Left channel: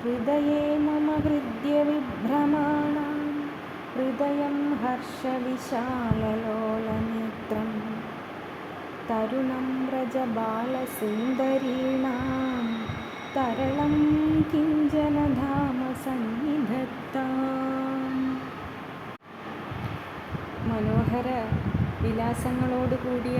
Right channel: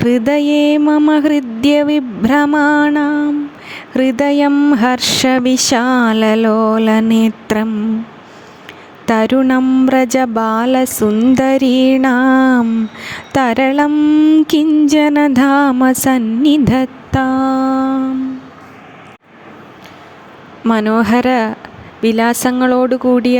ഹൃദയേ മമ ഹൃദ്യവിഭ്രമാണാം ഹൃദയം ഹർഷവിശാലലോലനേത്രം തരുണം വ്രജബാലസുന്ദരീണാം തരളം കിഞ്ചനധാമ സന്നിധത്താം. മനോഹര വിലാസങ്ങളോടുകൂടിയ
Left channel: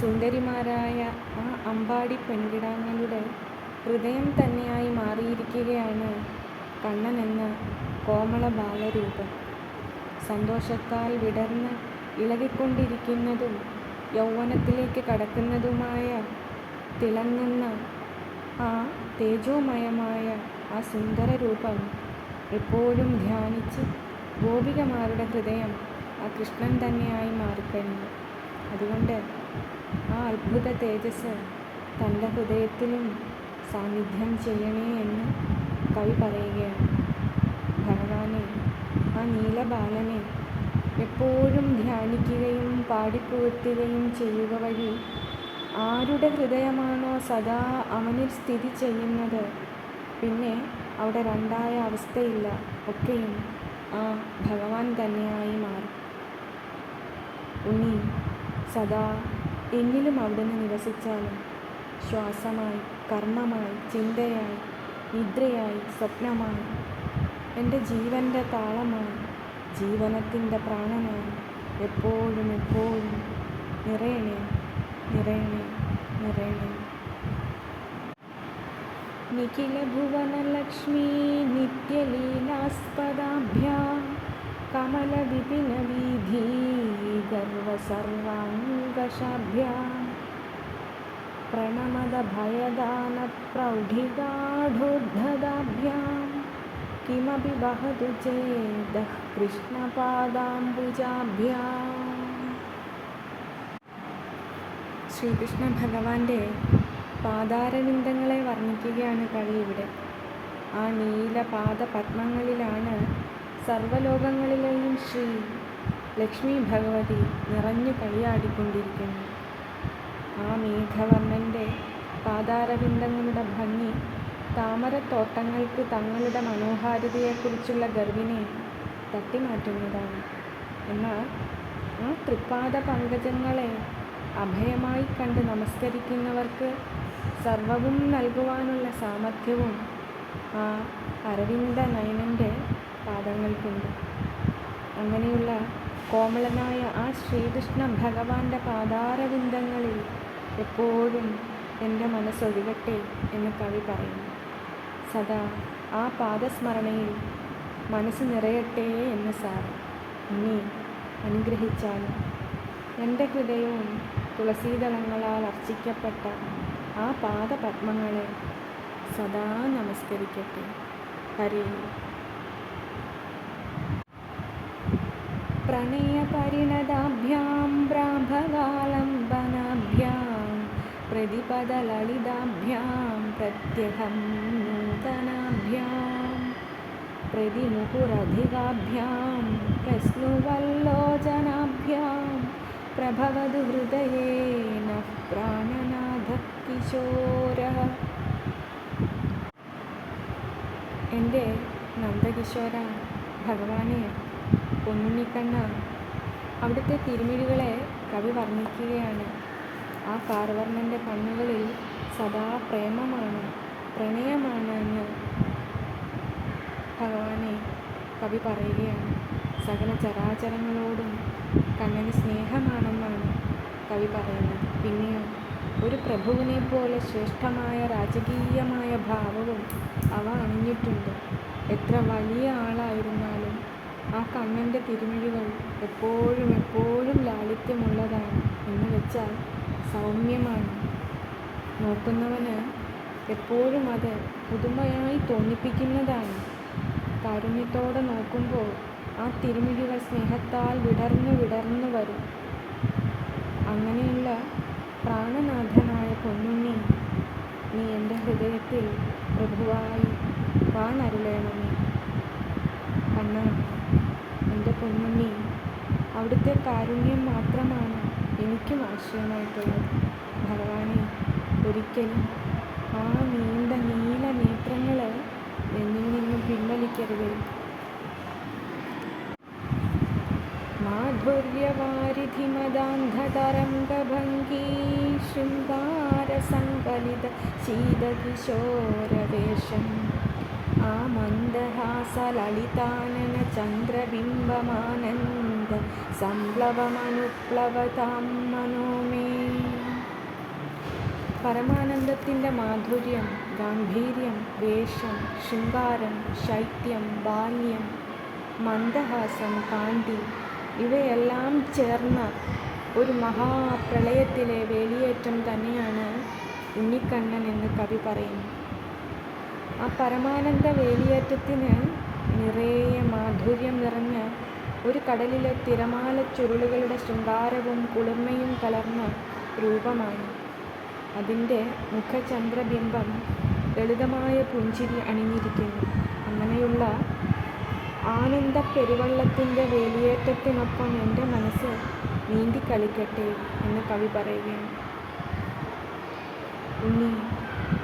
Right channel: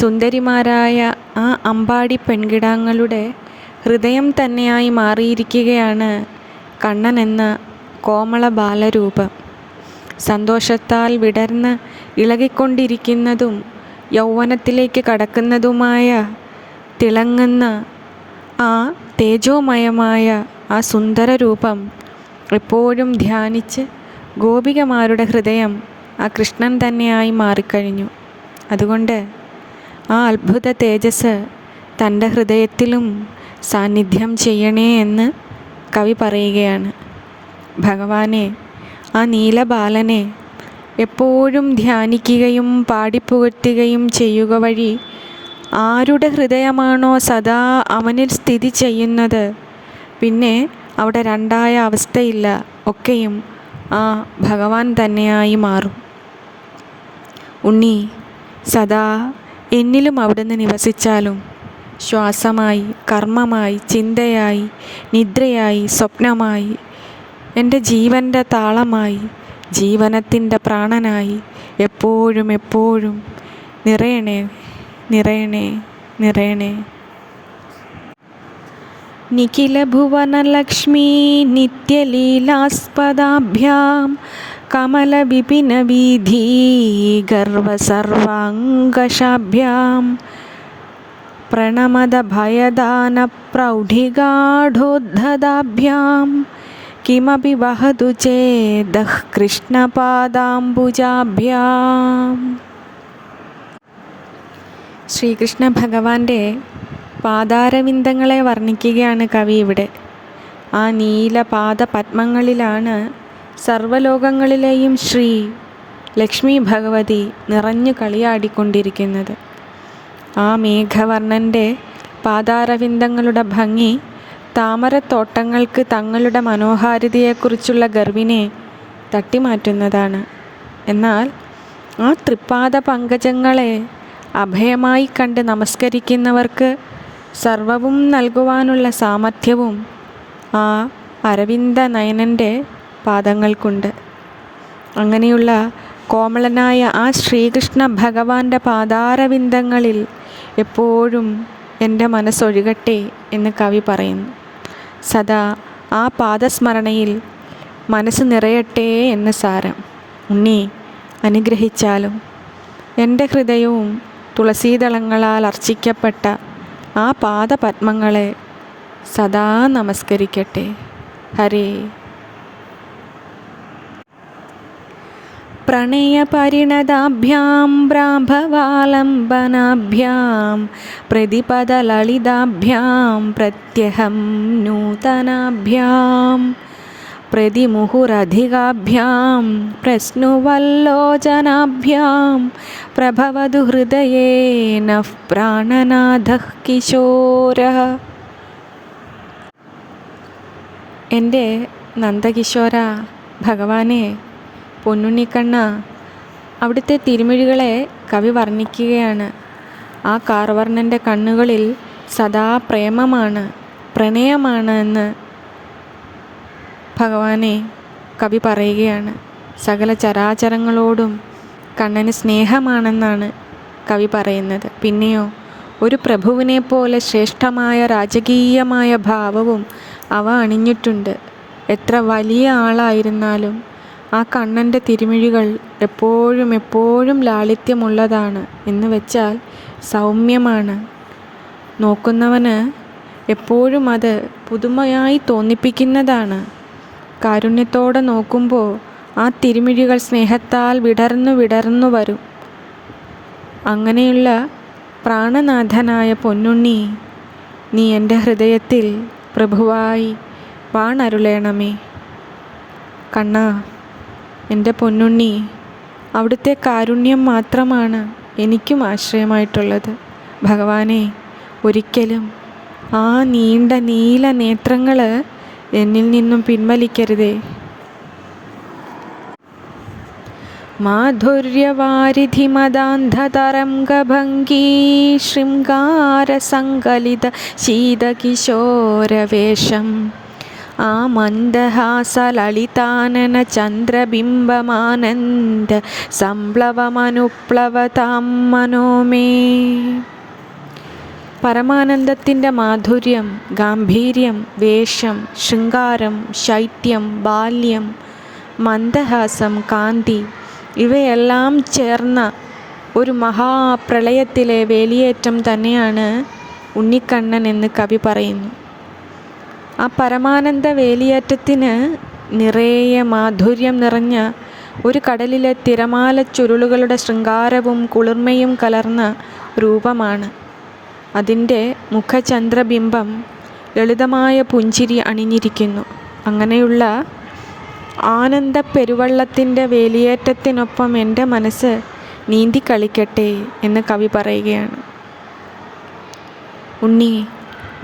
സുന്ദരിമാരായ ആ അമ്പാടി പെൺകിടാങ്ങളുടെ ഹൃദയം തന്നെയായി മാറിയിരിക്കുകയാണ് കണ്ണൻ എന്ന കോമള ബാലരൂപം. സന്തോഷത്താൽ വിടർന്ന് ഇളകിക്കൊണ്ടിരിക്കുന്നതും യൗവനത്തിലേക്ക് കടക്കുന്നതുമായ തിളങ്ങുന്ന ആ തേജോമയമായ ആ സുന്ദര രൂപം എപ്പോഴും ധ്യാനിച്ച് ഗോപികമാരുടെ ഹൃദയം ആ കൃഷ്ണൻ തന്നെയായി മാറിക്കഴിഞ്ഞു. അതുകൊണ്ട് ആ അത്ഭുത തേജസ് തൻ്റെ ഹൃദയത്തിലും സാന്നിധ്യം ചെയ്യണേ എന്ന് കവി പറയുകയാണ്. ഭഗവാനെ, ആ നീലബാലനെ എപ്പോഴും ധ്യാനിക്കുകയും പാടിപ്പുകഴ്ത്തുകയും ചെയ്യുക വഴി ആരുടെ ഹൃദയമാണോ സദാ അവനിൽ സ്ഥിതി ചെയ്യുന്നത്, പിന്നെ അവിടെ രണ്ടായ അവസ്ഥയില്ല, ഒക്കെയും ആ ഭഗവാൻ തന്നെയായി മാറും. ഉണ്ണി, സദാ എന്നിലും അവിടുന്ന് നിവസിച്ചാലും ശ്വാസമായി, കർമ്മമായി, ചിന്തയായി, നിദ്രയായി, സ്വപ്നമായി, എൻ്റെ ജീവൻ്റെ താളമായി, ജീവനത്തിൻ്റെ പ്രാണനായി എപ്പോഴും എപ്പോഴും നിറയണേ, നിറയണേ, നിറയണേ. നിഖില ഭുവനലക്ഷ്മീ നിത്യലീലാസ്പദാഭ്യാം കമലവിപിനവീധീ ഗർവസർവാംഗശാഭ്യാം പ്രണമദഭയദാനപ്രൗഢിഗാഢോദ്ധതാഭ്യാം കിമപി വഹതു ചേദഃ കൃഷ്ണപാദാംബുജാഭ്യാം. ശ്രീകൃഷ്ണ ഭഗവാന്റെ പാദാരവിന്ദങ്ങളെ വർണ്ണിക്കുകയാണ് കവി ഇവിടെ. ആ നീലപാദ പത്മങ്ങളിലാണ് സർവ്വലോകങ്ങളിലെയും ശ്രീ ലക്ഷ്മി ഭഗവതി നിറഞ്ഞു കളിയാടിക്കൊണ്ടിരിക്കുന്നത്. ആ മേഘവർണ്ണൻ്റെ പാദാരവിന്ദങ്ങളുടെ ഭംഗി താമരത്തോട്ടങ്ങൾക്ക് തങ്ങളുടെ മനോഹാരിതയെക്കുറിച്ചുള്ള ഗർവിനെ തട്ടിമാറ്റുന്നതാണ്. എന്നാൽ ആ തൃപ്പാദ പങ്കജങ്ങളെ അഭയമായി കണ്ട് നമസ്കരിക്കുന്നവർക്ക് സർവവും നൽകുവാനുള്ള സാമർഥ്യവും ആ അരവിന്ദ നയനൻ്റെ പാദങ്ങൾക്കുണ്ട്. അങ്ങനെയുള്ള കോമളനായ ആ ശ്രീകൃഷ്ണ ഭഗവാന്റെ പാദാരവിന്ദങ്ങളിൽ എപ്പോഴും എൻ്റെ മനസ്സൊഴുകട്ടെ എന്ന് കവി പറയുന്നു. സദാ ആ പാദസ്മരണയിൽ മനസ്സ് നിറയട്ടെ എന്ന് സാരം. ഉണ്ണി, അനുഗ്രഹിച്ചാലും എൻ്റെ ഹൃദയവും തുളസീദളങ്ങളാൽ അർച്ചിക്കപ്പെട്ട ആ പാദപത്മങ്ങളെ സദാ നമസ്കരിക്കട്ടെ. ഹരേ. പ്രണയപരിണതാഭ്യാം ബ്രാംഭവാലംബനാഭ്യാം പ്രതിപദലളിതാഭ്യാം പ്രത്യഹം നൂതനാഭ്യാം പ്രതിമുഹുരധികാഭ്യാം പ്രശ്നുവല്ലോചനാഭ്യാം പ്രഭവതു ഹൃദയേ നഃ പ്രാണനാഥഃ കിശോരഃ. എൻ്റെ നന്ദകിശോര ഭഗവാനെ, പൊന്നുണ്ണിക്കണ്ണ, അവിടുത്തെ തിരുമിഴികളെ കവി വർണ്ണിക്കുകയാണ്. ആ കാർവർണ്ണൻ്റെ കണ്ണുകളിൽ സദാ പ്രേമമാണ്, പ്രണയമാണ് എന്ന് ഭഗവാനെ കവി പറയുകയാണ്. സകല ചരാചരങ്ങളോടും കണ്ണന് സ്നേഹമാണെന്നാണ് കവി പറയുന്നത്. പിന്നെയോ ഒരു പ്രഭുവിനെ പോലെ ശ്രേഷ്ഠമായ രാജകീയമായ ഭാവവും അവ അണിഞ്ഞിട്ടുണ്ട്. എത്ര വലിയ ആളായിരുന്നാലും ആ കണ്ണൻ്റെ തിരുമിഴികൾ എപ്പോഴും എപ്പോഴും ലാളിത്യമുള്ളതാണ്. എന്ന് വെച്ചാൽ സൗമ്യമാണ്. നോക്കുന്നവന് എപ്പോഴും അത് പുതുമയായി തോന്നിപ്പിക്കുന്നതാണ്. കാരുണ്യത്തോടെ നോക്കുമ്പോൾ ആ തിരുമിഴികൾ സ്നേഹത്താൽ വിടർന്നു വിടർന്നു വരും. അങ്ങനെയുള്ള പ്രാണനാഥനായ പൊന്നുണ്ണി, നീ എൻ്റെ ഹൃദയത്തിൽ പ്രഭുവായി വാണരുളേണമേ. കണ്ണാ, എൻ്റെ പൊന്നുണ്ണി, അവിടുത്തെ കാരുണ്യം മാത്രമാണ് എനിക്കും ആശ്രയമായിട്ടുള്ളത്. ഭഗവാനെ, ഒരിക്കലും ആ നീണ്ട നീല നേത്രങ്ങൾ എന്നിൽ നിന്നും പിൻവലിക്കരുതേ. മാധുര്യവാരിധി മദാന്ധതരംഗഭംഗീ ശൃംഗാരസങ്കലിത ശീതകിശോരവേഷം ആ മന്ദഹാസലളിതാനന ചന്ദ്രബിംബമാനന്ദ സംപ്ലവമനുപ്ലവതാം മനോമേ. പരമാനന്ദത്തിൻ്റെ മാധുര്യം, ഗാംഭീര്യം, വേഷം, ശൃംഗാരം, ശൈത്യം, ബാല്യം, മന്ദഹാസം, കാന്തി ഇവയെല്ലാം ചേർന്ന ഒരു മഹാപ്രളയത്തിലെ വേലിയേറ്റം തന്നെയാണ് ഉണ്ണിക്കണ്ണൻ എന്ന് കവി പറയുന്നു. ആ പരമാനന്ദ വേലിയേറ്റത്തിന് നിറയെ മാധുര്യം നിറഞ്ഞ ഒരു കടലിലെ തിരമാല ചുരുളുകളുടെ ശൃംഗാരവും കുളിർമയും കലർന്ന രൂപമാണ്. അതിൻ്റെ മുഖചന്ദ്രബിംബം ലളിതമായ പുഞ്ചിരി അണിഞ്ഞിരിക്കുന്നു. അങ്ങനെയുള്ള ആനന്ദ പെരുവള്ളത്തിൻ്റെ വേലിയേറ്റത്തിനൊപ്പം എൻ്റെ മനസ്സ് നീന്തിക്കളിക്കട്ടെ എന്ന് കവി പറയുകയാണ്. ഉണ്ണി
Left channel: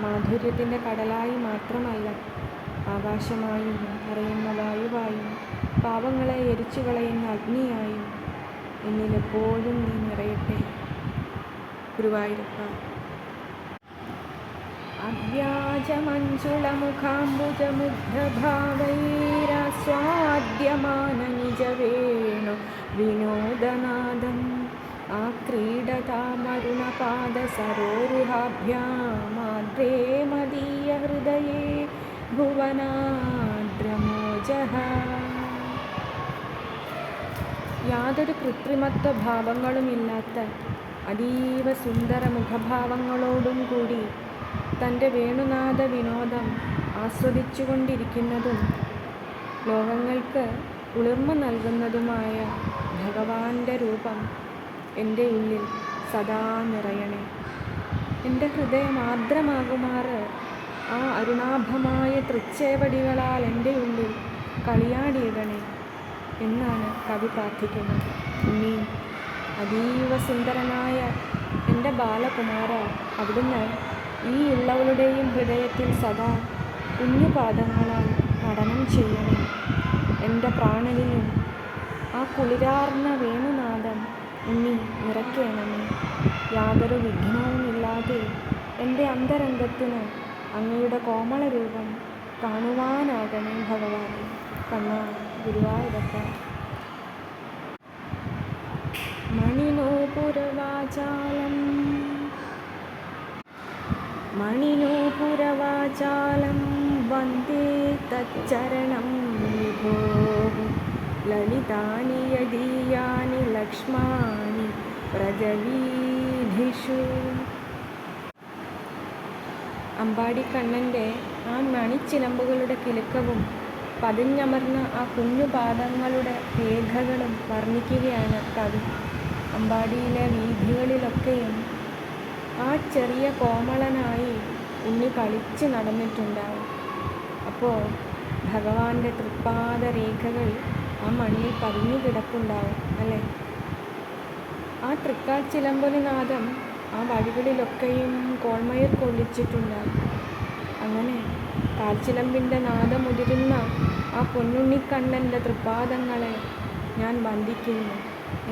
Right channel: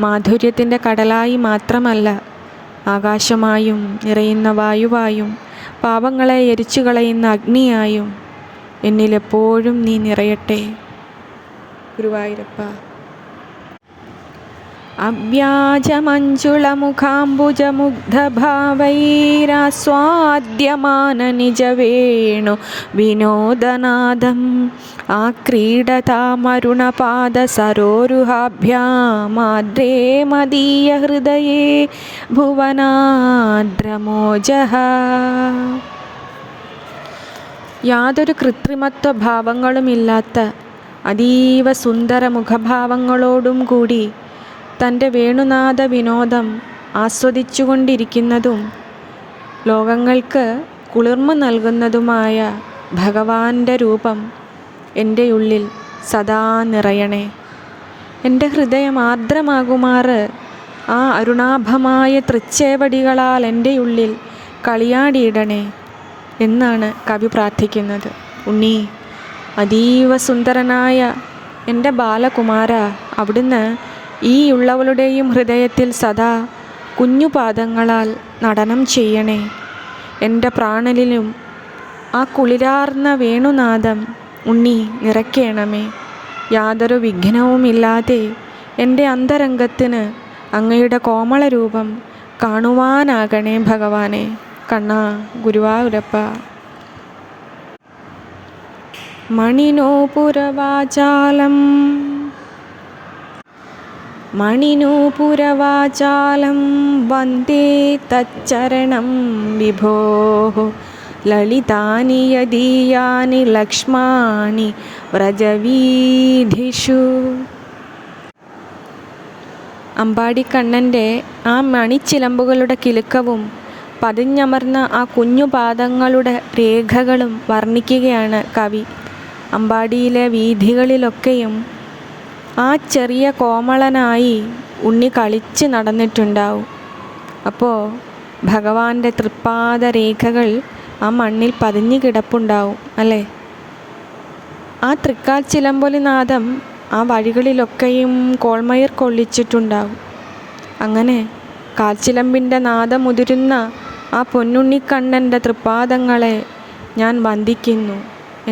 മാധുര്യത്തിൻ്റെ കടലായി മാത്രമല്ല, ആകാശമായും നിറയുന്ന വായുവായും പാപങ്ങളെ എരിച്ചു കളയുന്ന അഗ്നിയായും എന്നിലെപ്പോഴും നീ നിറയട്ടെ ഗുരുവായൂരപ്പ. അവ്യാജമഞ്ജുളമുഖാംബുജമുഗ്ധഭാവൈരാസ്വാദ്യമാന നിജവേണു വിനോദനാദം ആക്രീഡതാമരുണപാദസരോരുഹാഭ്യാമാദ്രേ മദീയ ഹൃദയേ ഭുവനാദ്രമോജഃ. യാതൊരു കൃത്രിമത്വ ഭാവങ്ങളുമില്ലാത്ത അതീവ സുന്ദര മുഖഭാവങ്ങളോടും കൂടി തൻ്റെ വേണുനാഥ വിനോദം ആസ്വദിച്ചുകൊണ്ടിരിക്കുന്നതും ലോകങ്ങൾക്ക് കുളിർമ നൽകുന്നതുമായ ഭഗവാന്റെ രൂപം എൻ്റെ ഉള്ളിൽ സദാ നിറയണേ. എൻ്റെ ഹൃദയം ആർദ്രമാകുമാറ് ആ അരുണാഭമായ തൃച്ചേവടികളാൽ എൻ്റെ ഉള്ളിൽ കളിയാടിയിടണേ എന്നാണ് കവി പ്രാർത്ഥിക്കുന്നത്. ഉണ്ണി, അതീവ സുന്ദരനായ എൻ്റെ ബാലകുമാര, അവിടുന്ന് ഈ ഉള്ളവളുടെയും ഹൃദയത്തിൽ സദാ കുഞ്ഞുപാദങ്ങളാൽ നടനം ചെയ്യണേ. എൻ്റെ പ്രാണനിലും ആ കുളിരാർന്ന വേണുനാദം ഉണ്ണി നിറയ്ക്കണമേ. യാതൊരു വിഘ്നവുമില്ലാതെ എൻ്റെ അന്തരംഗത്തിന് അങ്ങയുടെ കോമള രൂപം കാണുവാനാകണേ ഭഗവാനെ. കണ്ണാ, ഗുരുവായൂരപ്പ. മണിനൂപുരവാചാലം വന്ദേ തച്ചരണം വിഭോഃ ലളിതാനി യദീയാനി ലക്ഷ്മാണി വ്രജവീഥിഷു. അമ്പാടിക്കണ്ണൻ്റെ ആ മണിച്ചിലമ്പുകളുടെ കിലുക്കവും പതിഞ്ഞമർന്ന ആ കുഞ്ഞുപാദങ്ങളുടെ രേഖകളും വർണ്ണിക്കുകയാണ് കവി. അമ്പാടിയിലെ വീഥികളിലൊക്കെയും ആ ചെറിയ കോമളനായി ഉണ്ണി കളിച്ച് നടന്നിട്ടുണ്ടാവും. അപ്പോൾ ഭഗവാന്റെ തൃപ്പാദ രേഖകൾ ആ മണ്ണിൽ പതിഞ്ഞു കിടപ്പുണ്ടാവും അല്ലേ? ആ തൃക്കാൽച്ചിലമ്പൊലിനാദം ആ വഴികളിലൊക്കെയും കോൾമയിർ കൊള്ളിച്ചിട്ടുണ്ടാവും. അങ്ങനെ കാൽച്ചിലമ്പിൻ്റെ നാദമുതിരുന്ന ആ പൊന്നുണ്ണിക്കണ്ണൻ്റെ തൃപ്പാദങ്ങളെ ഞാൻ വന്ദിക്കുന്നു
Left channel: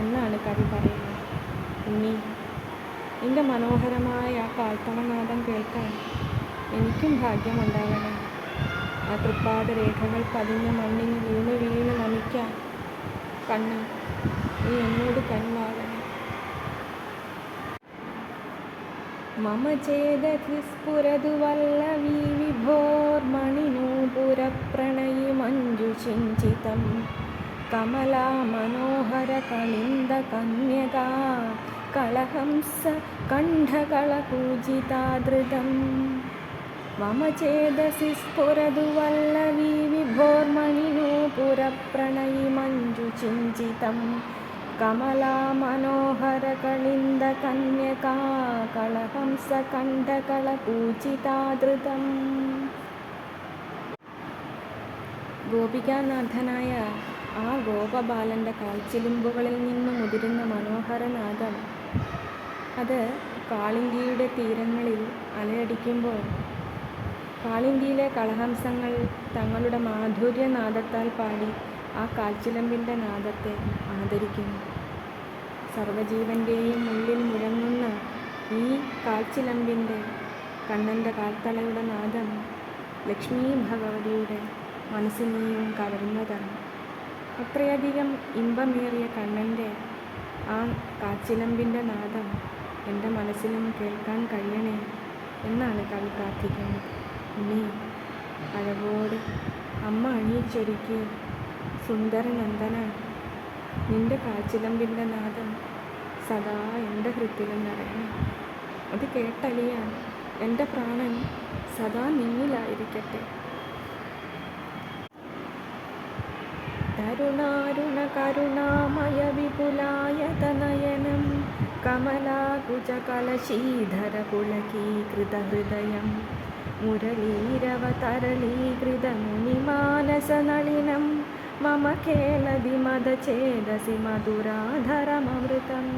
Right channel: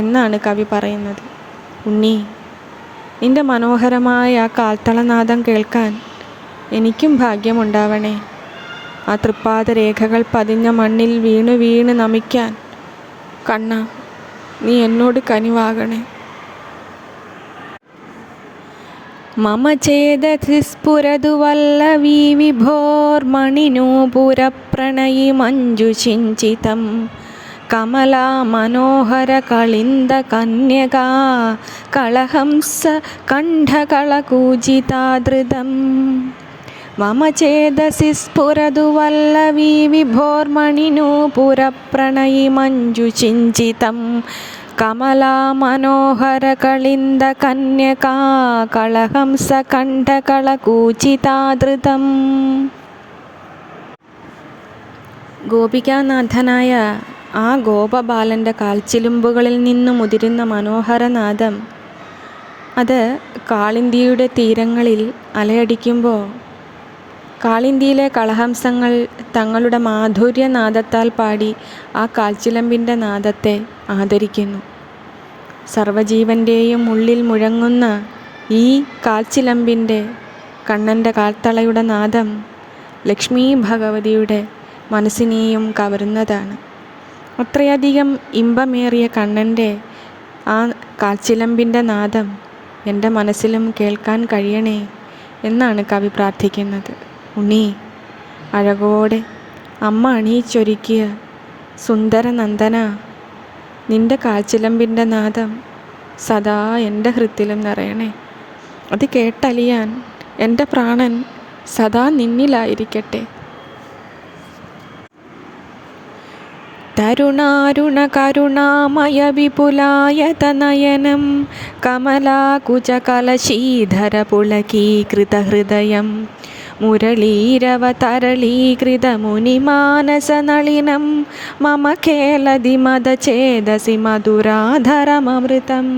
എന്നാണ് കവി പറയുന്നത്. ഉണ്ണി, നിൻ്റെ മനോഹരമായ ആ കാൽത്തളനാദം കേൾക്കാൻ എനിക്കും ഭാഗ്യമുണ്ടാവണേ. ആ തൃപ്പാദരേഖകൾ പതിഞ്ഞ മണ്ണിൽ വീണ് വീണ് നമിക്കാൻ കണ്ണ നീ എന്നോട് കനിവാകണേ. മമ ചേതസി സ്ഫുരതു വല്ലവീ വിഭോർമണിനൂപുരപ്രണയി മഞ്ജുഷിഞ്ചിതം കമലാ മനോഹര കളിന്ദ കന്യകാ കളഹംസ കണ്ഠകളകൂജിതാധൃതം. മമ ചേതസി സ്ഫുരതു വല്ലവീ വിഭോർമണിനൂപുരപ്രണയി മഞ്ജുഷിഞ്ചിതം കമലാ മനോഹര കളിന്ദ കന്യകാ കളഹംസ കണ്ഠകളകൂജിതാധൃതം. ഗോപികാനാഥനായ ആ ഗോപബാലൻ്റെ കാൽച്ചിലുമ്പുകളിൽ നിന്നും ഉതിരുന്ന മനോഹരനാദം അത് കാളിന്ദിയുടെ തീരങ്ങളിൽ അലയടിക്കുമ്പോൾ കാളിന്തിയിലെ കളഹംസങ്ങൾ തങ്ങളുടെ മാധുര്യനാദത്താൽ പാടി ആ കാൽച്ചിലമ്പിൻ്റെ നാദത്തെ ആദരിക്കുന്നു. സർവജീവൻ്റെയും ഉള്ളിൽ മുഴങ്ങുന്ന ഈ കാൽച്ചിലമ്പിൻ്റെ കണ്ണൻ്റെ കാൽത്തളയുടെ നാദം ലക്ഷ്മി ഭഗവതിയുടെ മനസ്സിനെയും കവരുന്നതാണ്. അത്രയധികം ഇമ്പമേറിയ കണ്ണൻ്റെ ആ കാൽച്ചിലമ്പിൻ്റെ നാദം എൻ്റെ മനസ്സിലും കേൾക്കാൻ കഴിയണേ എന്നാണ് കവി പ്രാർത്ഥിക്കുന്നത്. ഉണ്ണി, അഴകോടെ അമ്മ അണിയിച്ചൊരുക്കിയ സുന്ദരനന്ദന, നിൻ്റെ കാൽച്ചിലമ്പിൻ്റെ നാദം സദാ എൻ്റെ ഹൃത്തിലും നിറയണേ. അത് കേട്ടലിയാൻ എൻ്റെ പ്രാണൻ സദാ നിന്നിലായിരിക്കട്ടെ. തരുണാരുണ കരുണാമയ വിപുലായതനയനം കമലാകുചകലശീധര പുളകീകൃതഹൃദയം മുരളീരവതരളീകൃതമുനിമാനസനളിനം മമ കേളതി മദചേതസി മധുരാധരമമൃതം.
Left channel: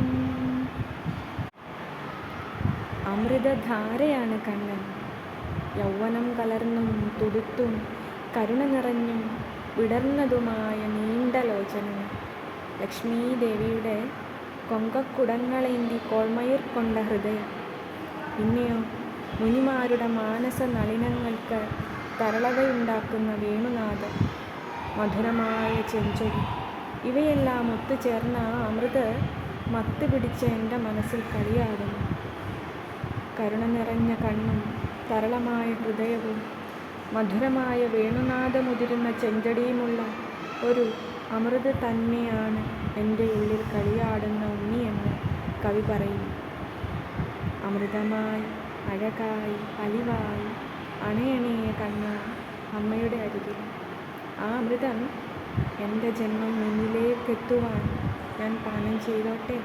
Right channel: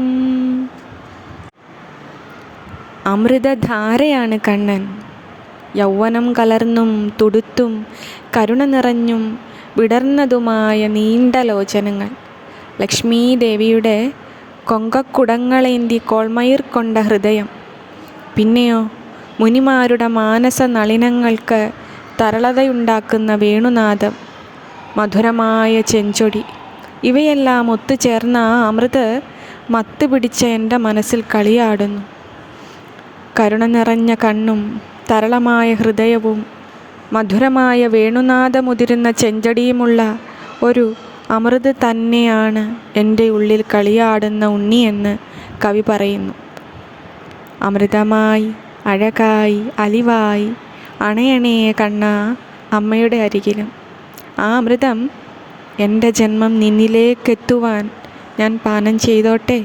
അമൃതധാരയാണ് കണ്ണൻ. യൗവനം കലർന്നും തുടുത്തും കരുണ നിറഞ്ഞും വിടർന്നതുമായ നീണ്ട ലോചനങ്ങൾ, ലക്ഷ്മീദേവിയുടെ കൊങ്കക്കുടങ്ങളേന്തി കോൾമയിർ കൊണ്ട ഹൃദയം, പിന്നെയോ മുനിമാരുടെ മാനസ നളിനങ്ങൾക്ക് തരളതയുണ്ടാക്കുന്ന വേണുനാദം, മധുരമായ ചെഞ്ചൊടി, ഇവയെല്ലാം ഒത്തുചേർന്ന ആ അമൃത് മത്ത് പിടിച്ച എൻ്റെ മനസ്സിൽ കളിയാടുന്നു. കരുണ നിറഞ്ഞ കണ്ണും തരളമായ ഹൃദയവും മധുരമായ വേണുനാദമുതിരുന്ന ചെഞ്ചടിയുമുള്ള ഒരു അമൃത് തന്നെയാണ് എൻ്റെ ഉള്ളിൽ കളിയാടുന്ന ഉണ്ണിയെന്ന് കവി പറയുന്നു. അമൃതമായി അഴകായി അലിവായി അണയണേ കണ്ണാ അമ്മയുടെ അരികിലും. ആ അമൃതം എൻ്റെ ജന്മം നിന്നിലേക്കെത്തുവാൻ ഞാൻ പാനം ചെയ്തോട്ടെ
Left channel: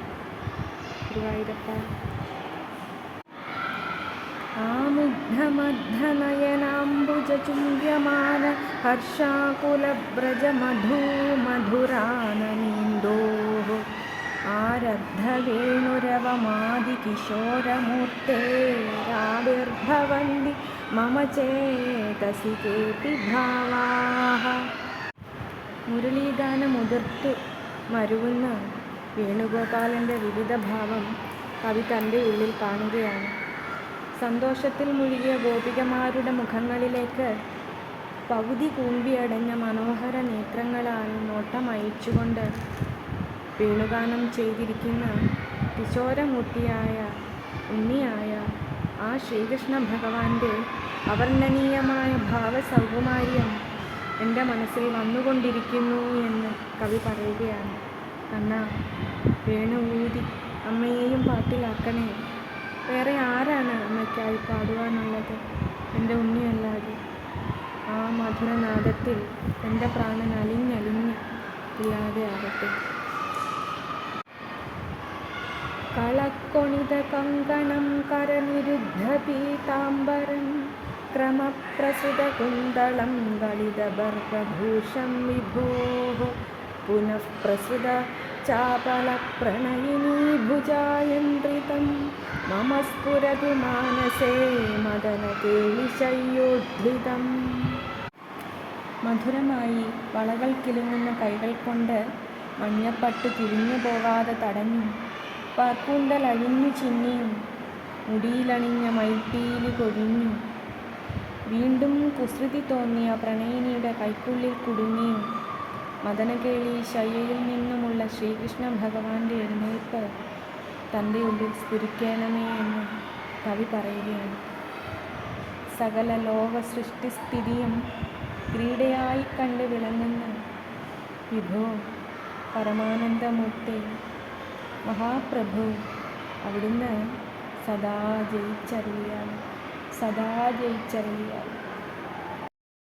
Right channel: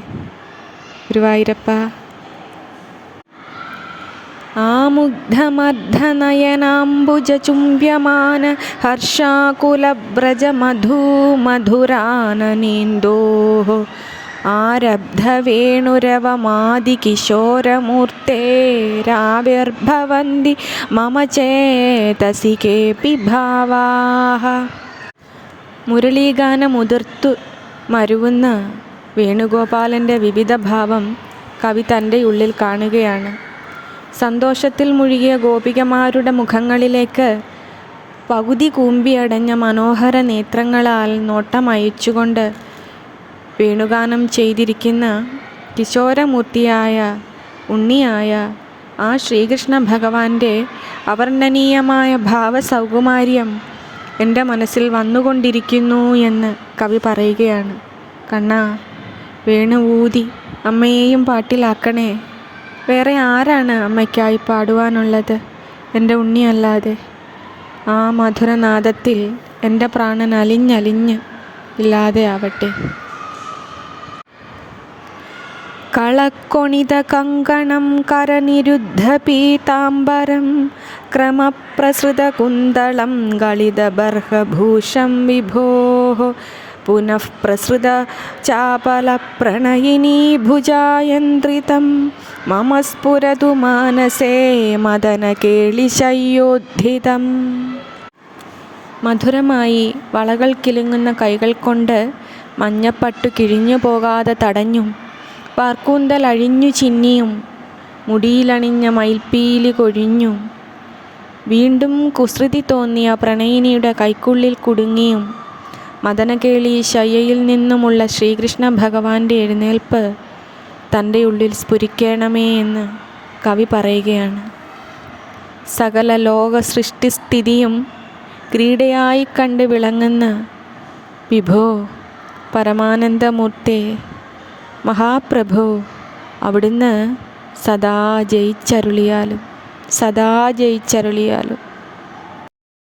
ഗുരുവായൂരപ്പ. ആമുഗ്ധമർദ്ധനയനാംബുജചുംബ്യമാന ഹർഷാകുലബ്രജമധൂമധുരാനനീന്തോഃ ആരബ്ധവേണുരവമാദികിശോരമൂർത്തേരാവിർഭവന്തി മമ ചേതസി കേപി ഭാവാഃ. മുരളീഗാനമുതിർത്തു മരുവുന്ന വേണുഗോപാലൻ്റെ വിവിധ ഭാവം കവി തൻ്റെ ഉള്ളിൽ കാണുകയാണ്. സന്തോഷത്തിൽ മുഴുകിയ ഗോപികമാരുടെ മുഖങ്ങളിലേക്ക് പകുതി കൂമ്പിയടഞ്ഞ മനോഹര നേത്രങ്ങളാൽ നോട്ടമയച്ചുകൊണ്ട് വേണുഗാനം ചെയ്തിരിക്കുന്ന കിശോരമൂർത്തിയായ ഉണ്ണിയായ ആ ശ്രീകൃഷ്ണ ഭഗവാന്റെ അവർണ്ണനീയമായ ഭാവസൗകുമാര്യം എൻ്റെ മനസ്സിൽ വന്നുകൊണ്ടിരിക്കുന്നു എന്ന് കവി പറയുകയാണ്. കണ്ണാ, വേണു ഊതി അമ്മയെയും പാട്ടിലാക്കണേ. വേറെ ആരാണ് അമ്മയ്ക്കായി പാടുവാനുള്ളത് എൻ്റെ ഉണ്ണിയല്ലാതെ? ആ മധുരനാദത്തിൽ എൻ്റെ പ്രാണൻ അലിഞ്ഞലിഞ്ഞ് ഇല്ലാതെ ആവട്ടെ. കളക്കൊണിത കങ്കണം കരനിരുദ്ധ പീതാംബരം ക്രമപ്രസൃത കുന്തളം ഗളിതബർഹഭൂഷം വിഭോഃ പുനഃ പ്രസൃത ചാപല പ്രണയിനീ ഭുജായന്ത്രിതം മമ സ്ഫുരതു മാനസേ മദനകേളിശയ്യോദ്ധിതം. മധുരമായി വളകൾ കിലുങ്ങുന്ന കൈകൾ കൊണ്ട് മഞ്ഞപ്പട്ടു കിഴിഞ്ഞു പോകാതെ തടഞ്ഞും വാർക്കൂന്തൽ അഴിഞ്ഞു ചിന്നിയും മുടിയിലണിഞ്ഞ മയിൽപ്പീലി കൊഴിഞ്ഞും വീണ്ടും കുസൃതി തോന്നിയ പ്രണയിനിയുടെ കൈക്കുള്ളിൽ കുടുങ്ങിയും മദനകേളി ശയ്യയിൽ നിന്നുമുള്ള ശ്രീകൃഷ്ണ ഭഗവാന്റെ എഴുന്നേൽപ്പ് തൻ്റെ ഉള്ളിൽ സ്ഫുരിക്കണമേ എന്ന് കവി പറയുകയാണ്. സകല ലോക സൃഷ്ടിസ്ഥിതിയും ക്രീഡയായി കണ്ട് വിളങ്ങുന്ന വിഭോ പരമാനന്ദമൂർത്തേ മഹാപ്രഭു, അവിടുന്ന് സദാ ജയിച്ചരുളിയാലും സദാ ജയിച്ചരുളിയാലും.